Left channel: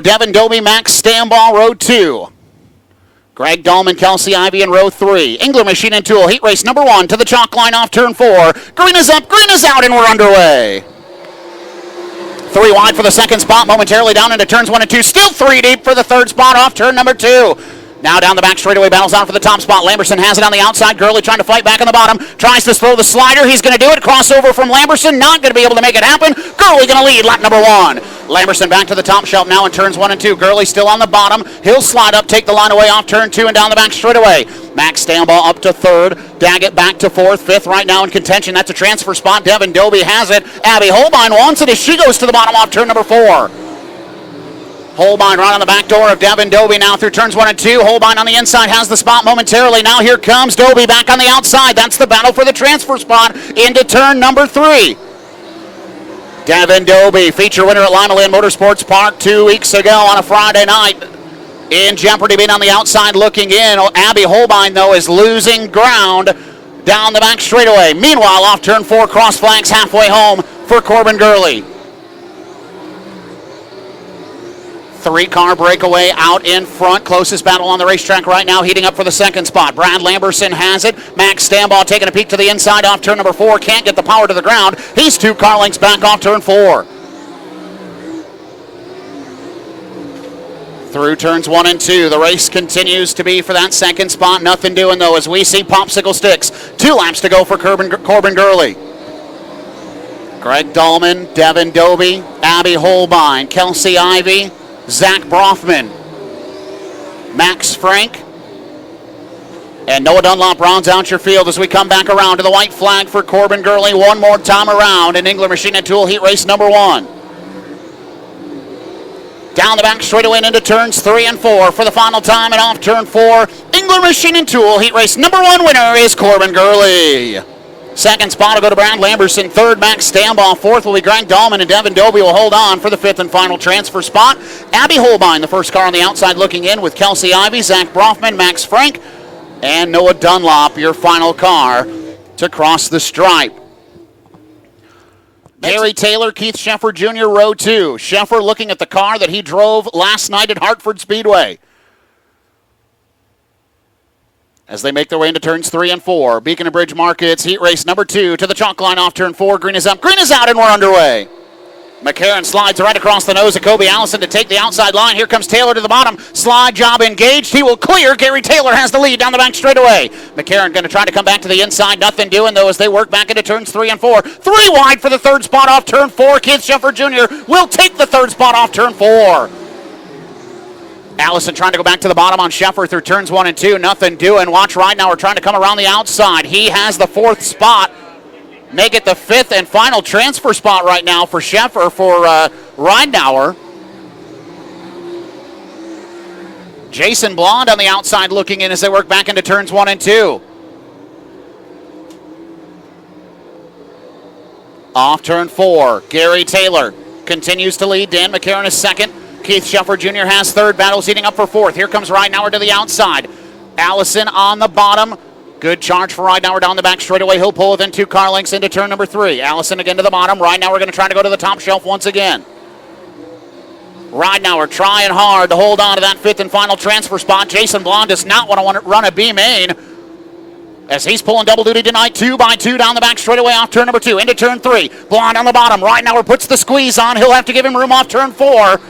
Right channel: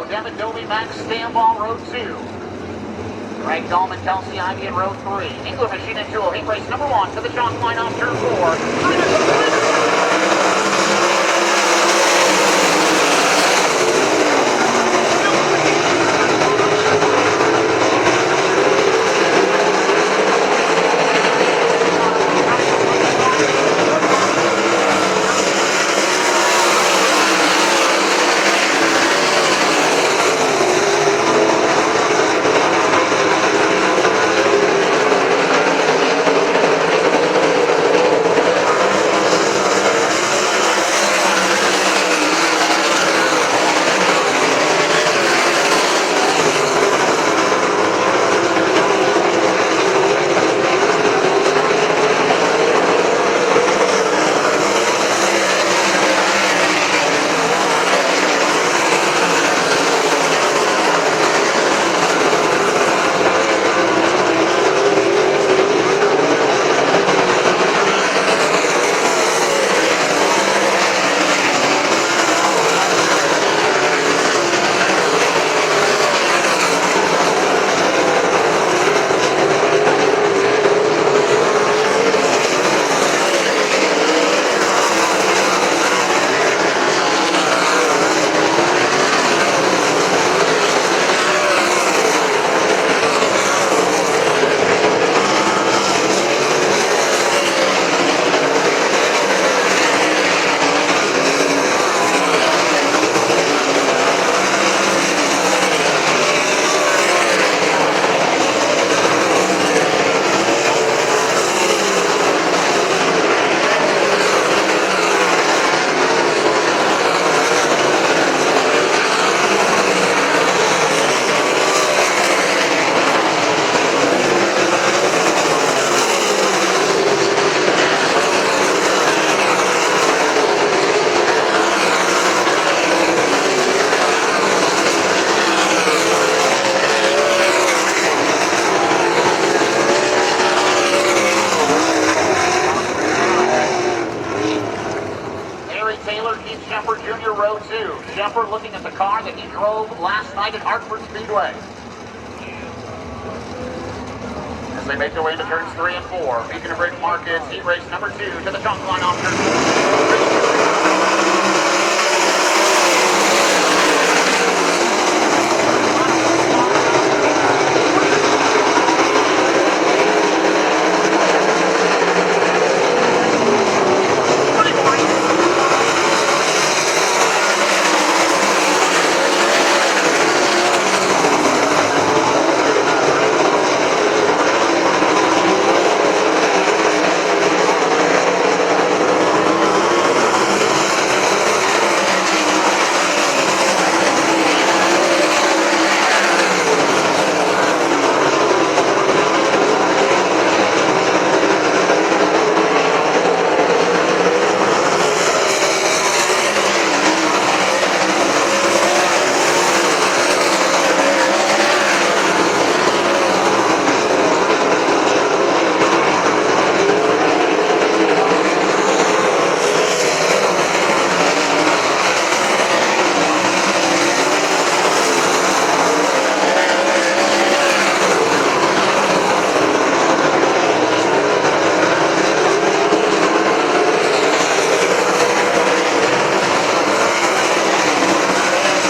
0. Devin Doby, Max Stamball, row 2. Greg Dahlman, Kelsey Ivey in row 3. Engler Machine and Tool, heat race number 1 to the chalk line off turn 4. Green is up, green is out, and we're underway. 3 wide for the second spot, momentarily down into turns 1 and 2. Still 3 deep for the third spot off turn number 2. Now down the back straightaway, battles out for the top spot. Lamberson has it on the outside. Gurley trying to fight back on the bottom. Tries to throw the slider. He's going to do it. Crossover from Lamberson. Not going to be able to make it happen. Gurley going to lead lap number 1. Lamberson back to the top shelf now in turns 1 and 2. Gurley still on the bottom. He'll slide up, take the line away off turn 2 and down the back straightaway. Max Stamball up to 3rd. Daggett back to 4th. 5th right now in contention. That's a transfer spot. Devin Doby has it. Abby Holbein wants it as she goes to the bottom off turn number 4. Holbein right on the back door of Devin Doby now through turns 1 and 2. Holbein on the inside has the spot momentarily. Now here comes Doby back on the outside. That's the battle for the transfer spot into turn number 3. Devin Doby, feature winner at Lima Lynn Motorsports Park 2 weeks ago on a Friday night. In jeopardy being on the outside looking in. Abby Holbein, though, is losing ground down the back straightaway. Meanwhile, off turn 4, cross flags halfway home for Corbin Gurley. 3-car breakaway out in front. Closest battle on the racetrack right now, heating up for the second spot. Brad Lamberson has it. Max Stamball taking a peek to the inside off turn number 4. Can't get the power to the ground. He's 2 car lengths back off turn 4. Through turns 1 and 2, the race continues to be for that second spot. Nothing doing, though, as we see popsicle sticks. 2 laps to go for Corbin Gurley. Greg Dahlman, Devin Doby, Abby Holbein, Kelsey Ivey, Zach Brothman, Max Frank, and Noah Dunlop rounds out your field as we come back around to the white flag for Corbin Gurley one more time around in Engler Machine and Tool heat race number 1. Down the back straightaway into turns 3 and 4 for the final time, and off turn 4, Engler Machine and Tool heat race number 1 winner is Corbin Gurley. Second spot will go to Brad Lamberson. 3rd, Max Stamball. 4th will be Greg Dahlman, and Devin Doby will hold on for the 5th and final transfer spot. Abby Holbein, the first car on the outside looking in with Kelsey Ivey, Zach Brothman, Max Frank, and Noah Dunlop, your final car to cross the stripe. Gary Taylor, Keith Sheffer Jr., row 2. Sheffer looking at the car that he drove last night at Hartford Speedway. As they make their way into turns 3 and 4. Beacon and Bridge Markets, heat race number 2 to the chalk line off turn 4. Green is up, green is out, and we're underway. McCarron slides right across the nose of Kobe Allison to take the outside line. Here comes Taylor to the bottom. Slide job engaged. He will clear. Gary Taylor has the lead down the back straightaway. McCarron going to try to come back to the inside. Nothing doing, though, as they work back into turns 3 and 4. 3 wide for the 3rd spot off turn 4. Keith Sheffer Jr. will take the 3rd spot off turn 4. Allison trying to go back to the bottom on Sheffer through turns 1 and 2. Nothing doing. Watch right now. We're trying to come around the outside. He has the 4th spot. Make it the 5th and final transfer spot right now for Sheffer for Reinauer. Jason Blond on the outside looking in as they work back into turns 1 and 2. Off turn 4, Gary Taylor continues to lead. Dan McCarron is 2nd. Keith Sheffer Jr. has 3rd. Battle's heating up for 4th. Here comes Reinauer to the outside. Allison on the bottom. Good charge for Reinauer down the back straightaway. He'll pull within 2 car lengths into turn number 3. Allison again to the bottom. Reinauer going to try to go to the top shelf once again. Reinauer trying hard to hold on to that 5th and final transfer spot. Jason Blond does not want to run a B main, as he's pulling double duty tonight. 2 by 2 down the back straightaway off turn number 2 into turn 3. Blond on the bottom. Reinauer puts the squeeze on. He'll have to give him room off turn 4.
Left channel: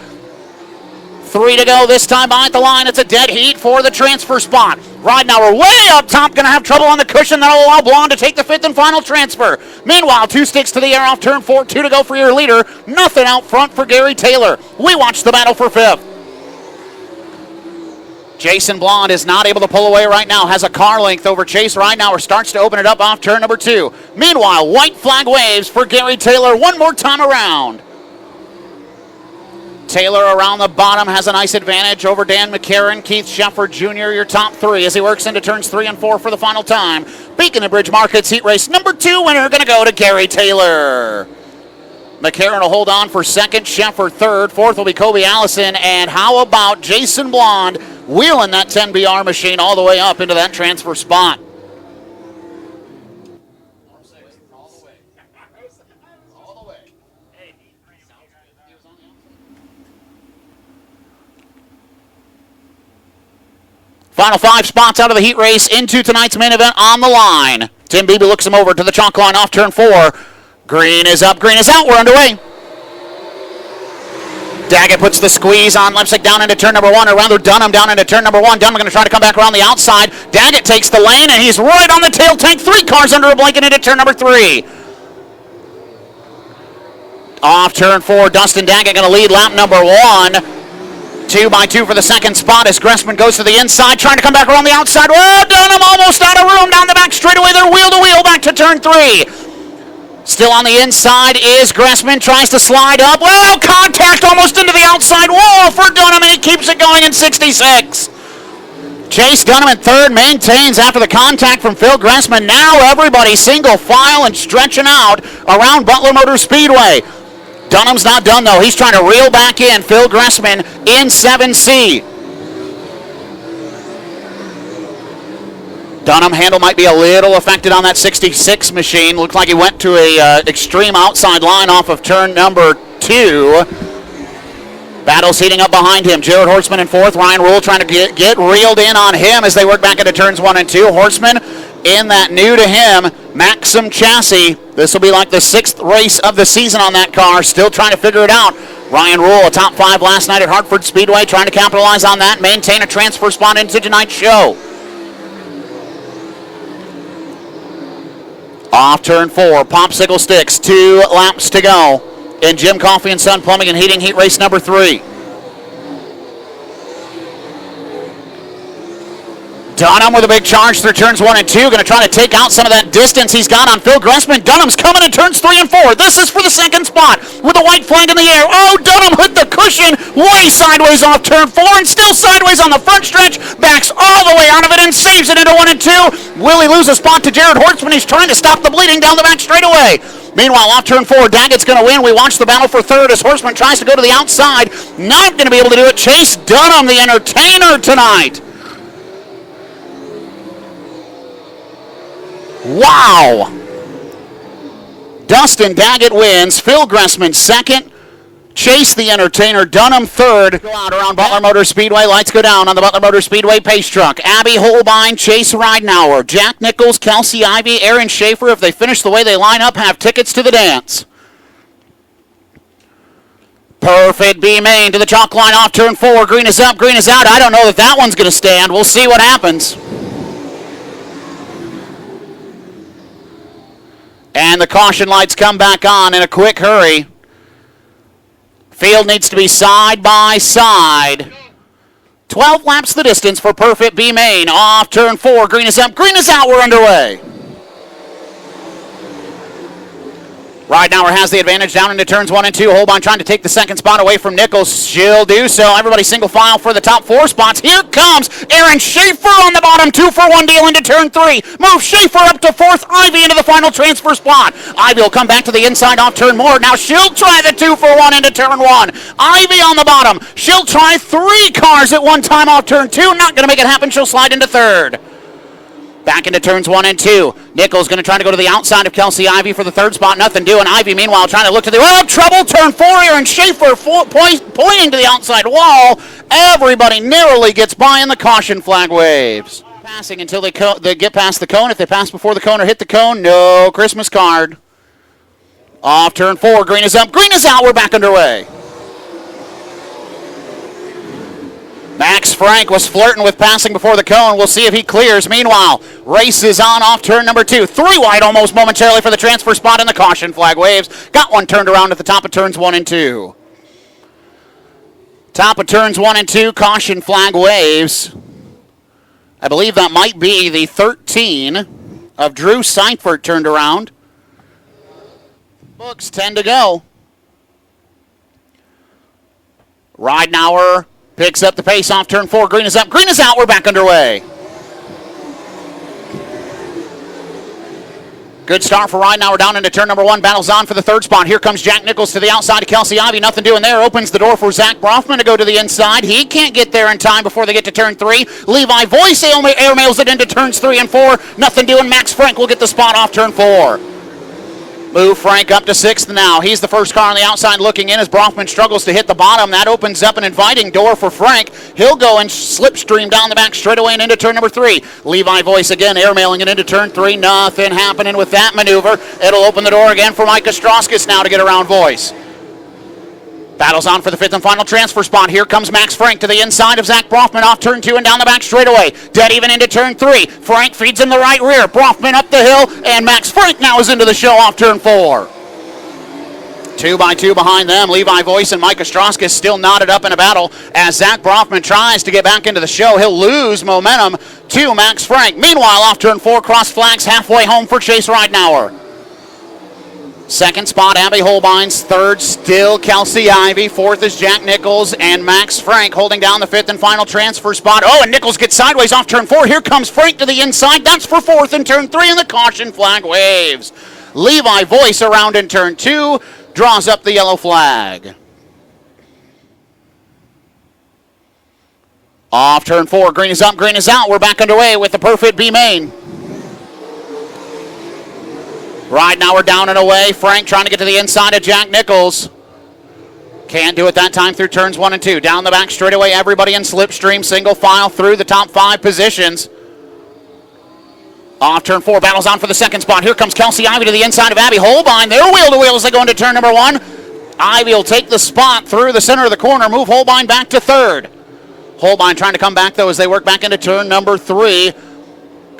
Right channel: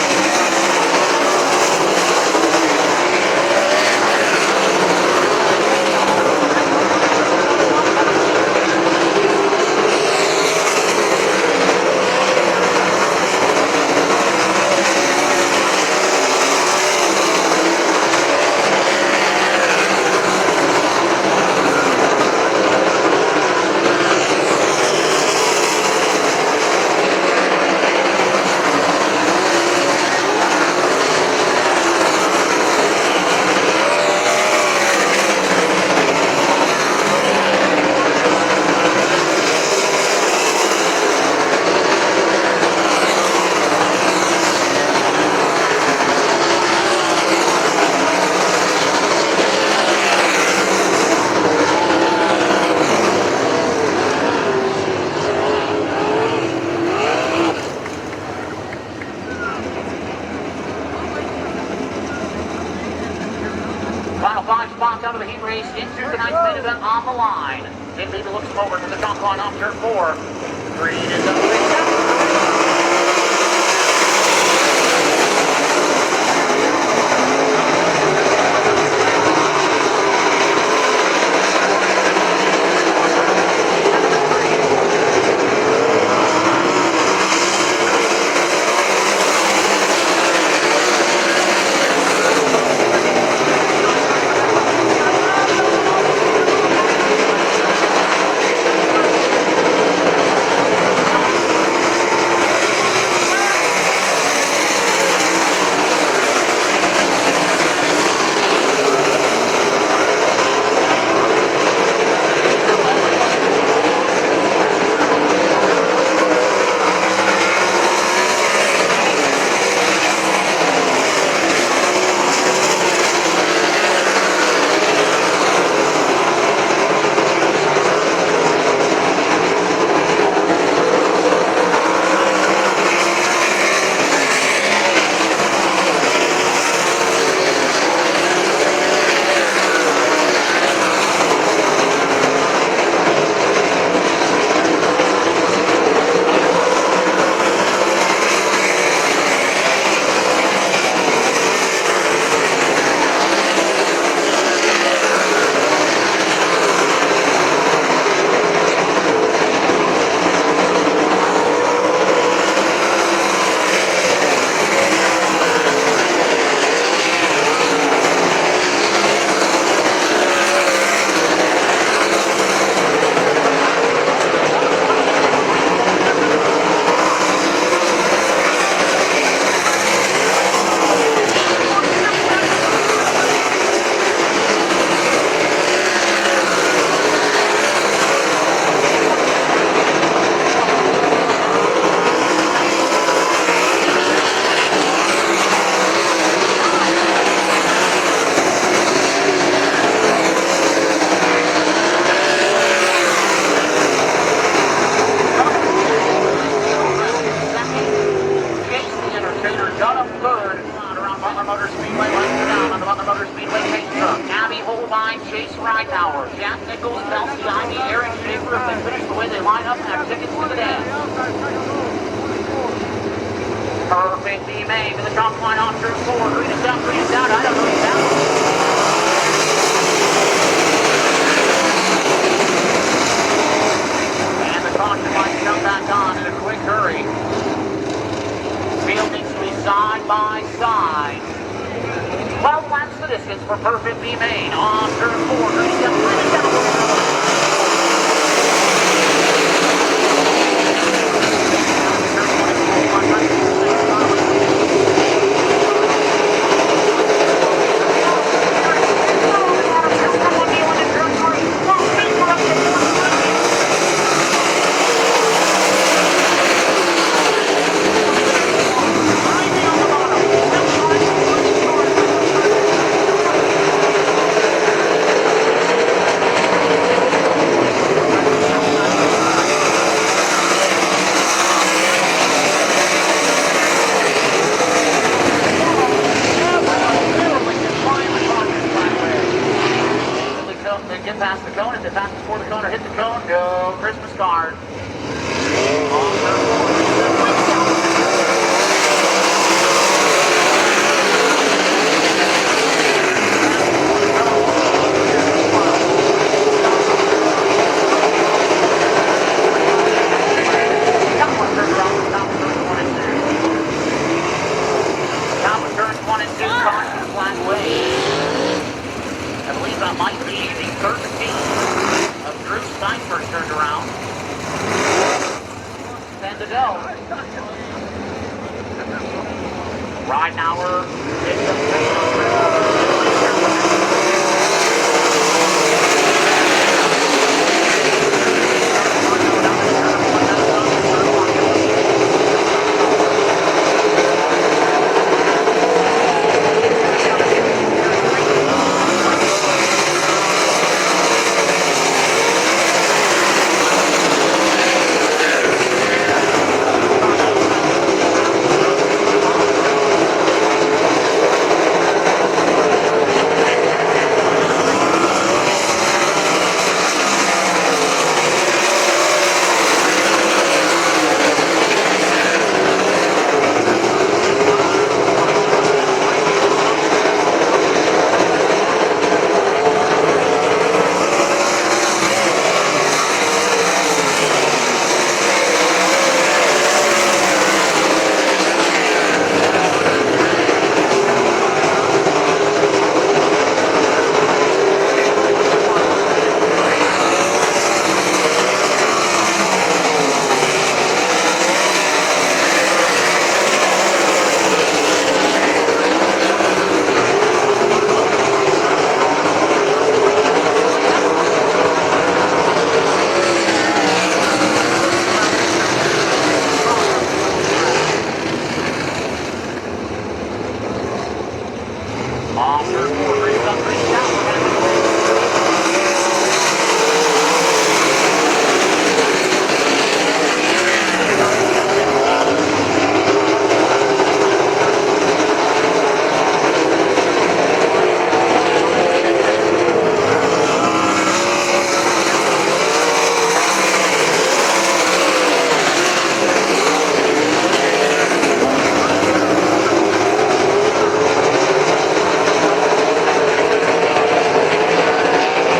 3 to go this time behind the line. It's a dead heat for the transfer spot. Reinauer way up top, going to have trouble on the cushion. That'll allow Blond to take the 5th and final transfer. Meanwhile, 2 sticks to the air off turn 4. 2 to go for your leader. Nothing out front for Gary Taylor. We watch the battle for 5th. Jason Blond is not able to pull away right now. Has a car length over Chase Reinauer. Starts to open it up off turn number 2. Meanwhile, white flag waves for Gary Taylor one more time around. Taylor around the bottom has a nice advantage over Dan McCarron. Keith Sheffer Jr., your top 3 as he works into turns 3 and 4 for the final time. Beacon and Bridge Markets heat race number 2 winner going to go to Gary Taylor. McCarron will hold on for 2nd, Sheffer 3rd, 4th will be Kobe Allison, and how about Jason Blond wheeling that 10BR machine all the way up into that transfer spot. Final 5 spots out of the heat race into tonight's main event on the line. Tim Beebe looks him over to the chalk line off turn 4. Green is up, green is out, we're underway. Daggett puts the squeeze on Lipsick down into turn number 1, or rather Dunham down into turn number 1. Dunham going to try to come back around the outside. Daggett takes the lane, and he's right on the tail tank. 3 cars under a blanket into turn number 3. Off turn 4, Dustin Daggett going to lead lap number 1. 2 by 2 for the second spot as Gressman goes to the inside, trying to come back around the outside. Oh, Dunham almost out of room down the back straightaway. They're wheel to wheel back to turn 3. Still on the inside is Gressman, tries to slide up. Well, contact almost into the outside wall for Dunham, and he keeps it going in 66. Chase Dunham in third, maintains after the contact from Phil Gressman. Now everybody single file and stretching out around Butler Motor Speedway. Dunham's not done though. He's trying to reel back in Phil Gressman in 7C. Dunham handle might be a little affected on that 66 machine. Looks like he went to a extreme outside line off of turn number 2. Battle's heating up behind him. Jared Horseman in 4th. Ryan Rule trying to get reeled in on him as they work back into turns 1 and 2. Horseman in that new to him Maxim chassis. This will be like the 6th race of the season on that car. Still trying to figure it out. Ryan Rule, a top 5 last night at Hartford Speedway, trying to capitalize on that, maintain a transfer spot into tonight's show. Off turn 4, popsicle sticks, 2 laps to go in Jim Coffey and Son Plumbing and Heating heat race number 3. Dunham with a big charge through turns 1 and 2, going to try to take out some of that distance he's got on Phil Gressman. Dunham's coming in turns 3 and 4. This is for the second spot with a white flag in the air. Oh, Dunham hit the cushion way sideways off turn 4 and still sideways on the front stretch. Backs all the way out of it and saves it into 1 and 2. Will he lose a spot to Jared Hortzman? He's trying to stop the bleeding down the back straightaway. Meanwhile, off turn 4, Daggett's going to win. We watch the battle for third as Horseman tries to go to the outside. Not going to be able to do it. Chase Dunham, the entertainer tonight. Wow! Dustin Daggett wins. Phil Gressman second. Chase the entertainer. Dunham third. Out around Butler Motor Speedway. Lights go down on the Butler Motor Speedway pace truck. Abby Holbein, Chase Ridenauer, Jack Nichols, Kelsey Ivey, Aaron Schaefer. If they finish the way they line up, have tickets to the dance. Perfect B main to the chalk line off turn 4. Green is up, green is out. I don't know that that one's going to stand. We'll see what happens. And the caution lights come back on in a quick hurry. Field needs to be side by side. 12 laps the distance for perfect B main. Off turn 4, green is up, green is out, we're underway. Ridenauer has the advantage down into turns 1 and 2. Holbein trying to take the second spot away from Nichols. She'll do so. Everybody single file for the top 4 spots. Here comes Aaron Schaefer on the bottom. 2-for-1 deal into turn 3. Move Schaefer up to 4th. Ivy into the final transfer spot. Ivy will come back to the inside off turn more. Now she'll try the 2-for-1 into turn 1. Ivy on the bottom. She'll try 3 cars at one time off turn 2. Not going to make it happen. She'll slide into third. Back into turns 1 and 2. Nichols going to try to go to the outside of Kelsey Ivey for the third spot. Nothing doing. Ivey, meanwhile, trying to look to the... Oh, trouble. Turn 4 here, and Schaefer pointing to the outside wall. Everybody narrowly gets by, and the caution flag waves. Passing until they get past the cone. If they pass before the cone or hit the cone, no Christmas card. Off turn 4. Green is up. Green is out. We're back underway. Max Frank was flirting with passing before the cone. We'll see if he clears. Meanwhile, race is on off turn number 2. 3 wide almost momentarily for the transfer spot, and the caution flag waves. Got one turned around at the top of turns 1 and 2. Top of turns 1 and 2, caution flag waves. I believe that might be the 13 of Drew Seifert turned around. Looks 10 to go. Ridenauer picks up the pace off turn 4. Green is up, green is out. We're back underway. Good start for Ridenauer down into turn number 1. Battles on for the third spot. Here comes Jack Nichols to the outside of Kelsey Ivey. Nothing doing there. Opens the door for Zach Brofman to go to the inside. He can't get there in time before they get to turn 3. Levi Boyce airmails it into turns 3 and 4. Nothing doing. Max Frank will get the spot off turn 4. Move Frank up to 6th now. He's the first car on the outside looking in as Brockman struggles to hit the bottom. That opens up an inviting door for Frank. He'll go and slipstream down the back straightaway and into turn number 3. Levi Boyce again airmailing it into turn 3. Nothing happening with that maneuver. It'll open the door again for Micah Strauskis now to get around Boyce. Battles on for the 5th and final transfer spot. Here comes Max Frank to the inside of Zach Brockman off turn 2 and down the back straightaway. Dead even into turn 3. Frank feeds him the right rear. Brockman up the hill, and Max Frank now is into the show off turn 4. 2 by 2 behind them. Levi Boyce and Micah Strauskis still knotted up in a battle as Zach Brockman tries to get back into the show. He'll lose momentum to Max Frank. Meanwhile, off turn 4, cross flags halfway home for Chase Ridenauer. 2nd spot, Abby Holbein's. 3rd, still Kelsey Ivey. 4th is Jack Nichols and Max Frank holding down the 5th and final transfer spot. Oh, and Nichols gets sideways off turn 4. Here comes Frank to the inside. That's for 4th in turn 3, and the caution flag waves. Levi Boyce around in turn 2, draws up the yellow flag. Off turn 4, green is up, green is out. We're back underway with the perfect B main. Ridenauer down and away. Frank trying to get to the inside of Jack Nichols. Can't do it that time through turns 1 and 2. Down the back straightaway, everybody in slipstream, single file through the top 5 positions. Off turn 4, battles on for the 2nd spot. Here comes Kelsey Ivey to the inside of Abby Holbein. They're wheel to wheel as they go into turn number 1. Ivey will take the spot through the center of the corner, move Holbein back to 3rd. Holbein trying to come back though as they work back into turn number 3.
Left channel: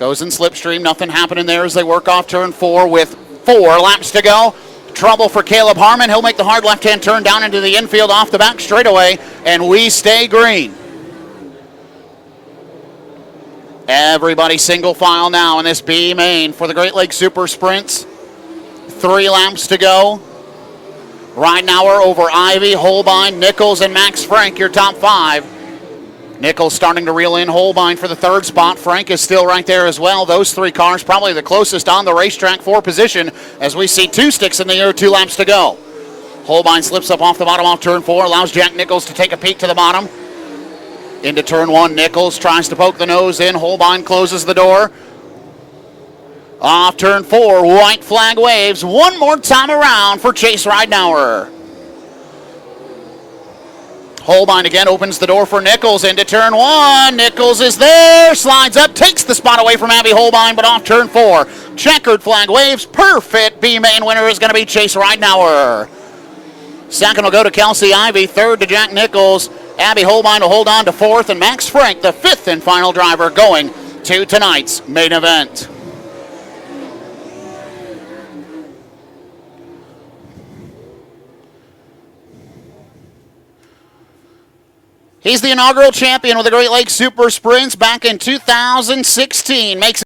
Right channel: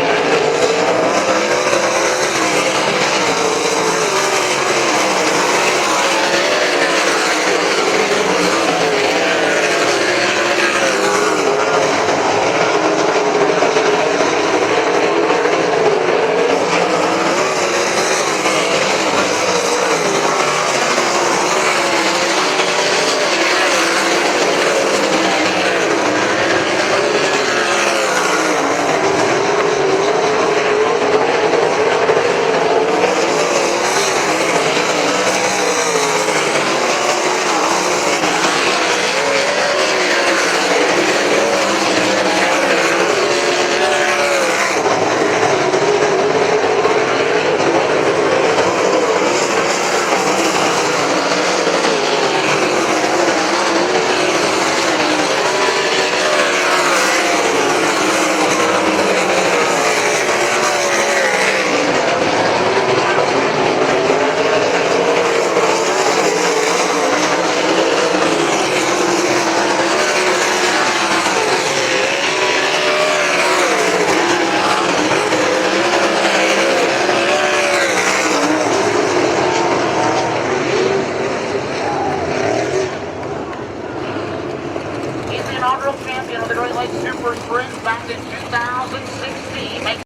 Goes in slipstream, nothing happening there as they work off turn 4 with 4 laps to go. Trouble for Caleb Harmon. He'll make the hard left-hand turn down into the infield off the back straightaway, and we stay green. Everybody single file now in this B main for the Great Lakes Super Sprints. 3 laps to go. Ridenauer over Ivey, Holbein, Nichols, and Max Frank, your top 5. Nichols starting to reel in Holbein for the 3rd spot. Frank is still right there as well. Those 3 cars probably the closest on the racetrack for position as we see 2 sticks in the air, 2 laps to go. Holbein slips up off the bottom off turn 4, allows Jack Nichols to take a peek to the bottom. Into turn 1, Nichols tries to poke the nose in. Holbein closes the door. Off turn 4, white flag waves one more time around for Chase Ridenauer. Holbein again opens the door for Nichols into turn 1. Nichols is there, slides up, takes the spot away from Abby Holbein, but off turn 4. Checkered flag waves, perfect B-main winner is going to be Chase Ridenauer. 2nd will go to Kelsey Ivey, 3rd to Jack Nichols. Abby Holbein will hold on to 4th, and Max Frank, the 5th and final driver, going to tonight's main event. He's the inaugural champion with the Great Lakes Super Sprints back in 2016. Makes